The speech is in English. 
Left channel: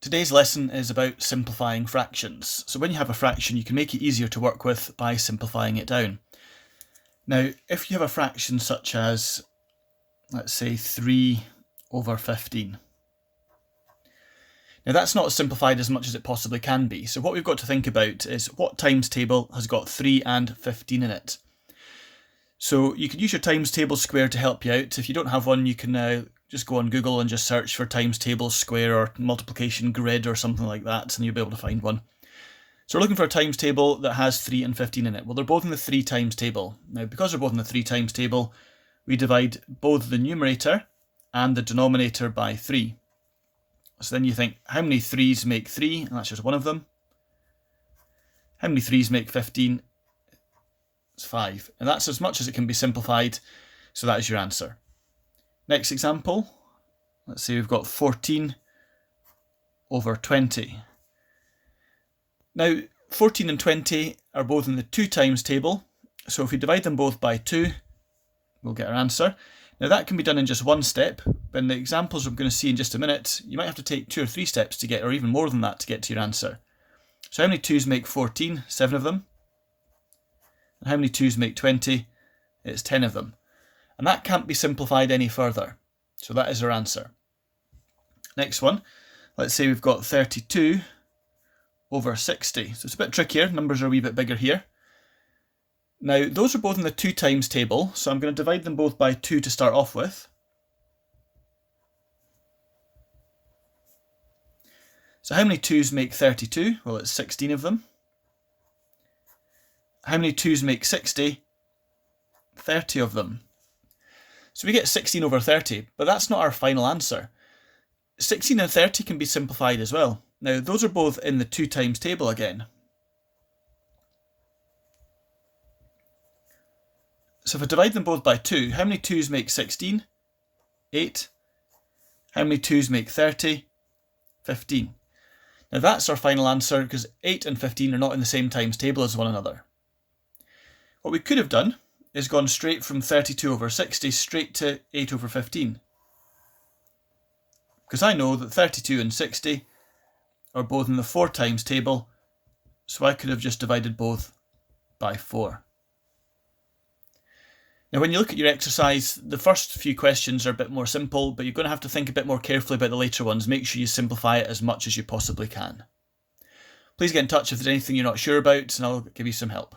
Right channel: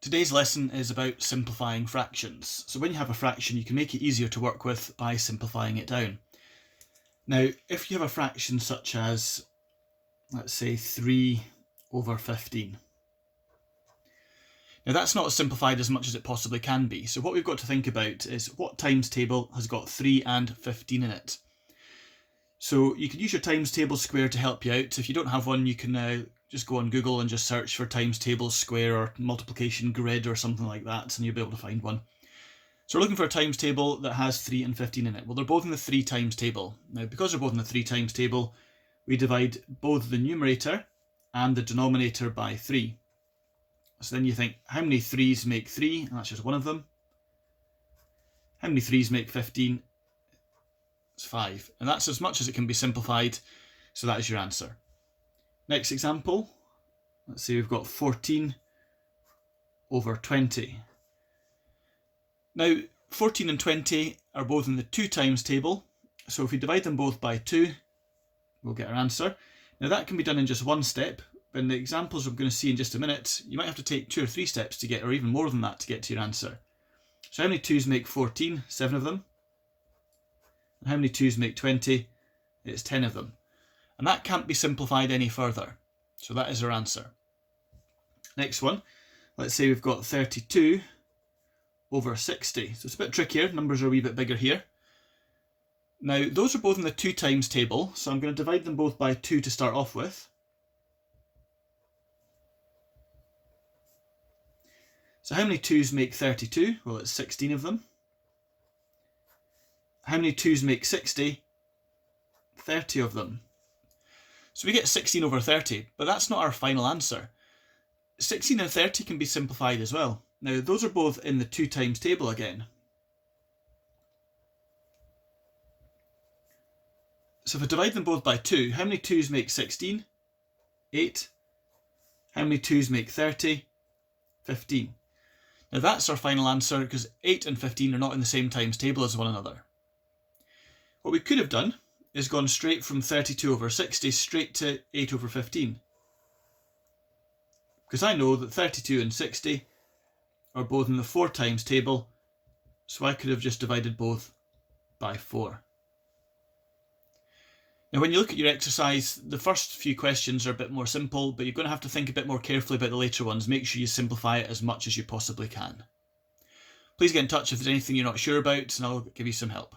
Today's lesson is about simplifying fractions. So when you have a fraction, you can make it easier to work with by simplifying it down. Now, if you have a fraction such as, let's say, 3 over 15. Now that's not simplified as much as it possibly can be. So what we've got to think about is what times table has got 3 and 15 in it. So you can use your times table square to help you out. If you don't have one, you can just go on Google and just search for times table square or multiplication grid or something like that, and you'll be able to find one. So we're looking for a times table that has 3 and 15 in it. Well, they're both in the 3 times table. Now, because they're both in the 3 times table, we divide both the numerator and the denominator by 3. So then you think, how many 3's make 3? And that's just one of them. How many 3's make 15? It's 5. And that's as much as it can be simplified. So that is your answer. Next example, let's say we've got 14 over 20. Now, 14 and 20 are both in the 2 times table. So if we divide them both by 2, we'll get our answer. Now that can be done in just one step, but in the examples we're going to see in just a minute, you might have to take 2 or 3 steps to get, or even more than that, to get to your answer. So how many 2's make 14? 7 of them. And how many 2's make 20? It's 10 of them. And that can't be simplified any further. So that is our answer. Next one, let's say we've got 32 over 60. So it's a bit trickier, numbers are a wee bit bigger here. Now, those are both in the 2 times table, so I'm going to divide them both by 2 to start off with. So how many 2's make 32? Well, it's 16 of them. How many 2's make 60? 30 of them. So we get 16 over 30, but that's not our final answer. 16 and 30 can be simplified as well. Now, those are both in the 2 times table again. So if I divide them both by 2, how many 2's make 16? 8. How many 2's make 30? 15. Now that's our final answer because 8 and 15 are not in the same times table as one another. What we could have done is gone straight from 32 over 60 straight to 8 over 15. Because I know that 32 and 60 are both in the 4 times table, so I could have just divided both by 4. Now when you look at your exercise, the first few questions are a bit more simple, but you're going to have to think a bit more carefully about the later ones. Make sure you simplify it as much as you possibly can. Please get in touch if there's anything you're not sure about, and I'll give you some help.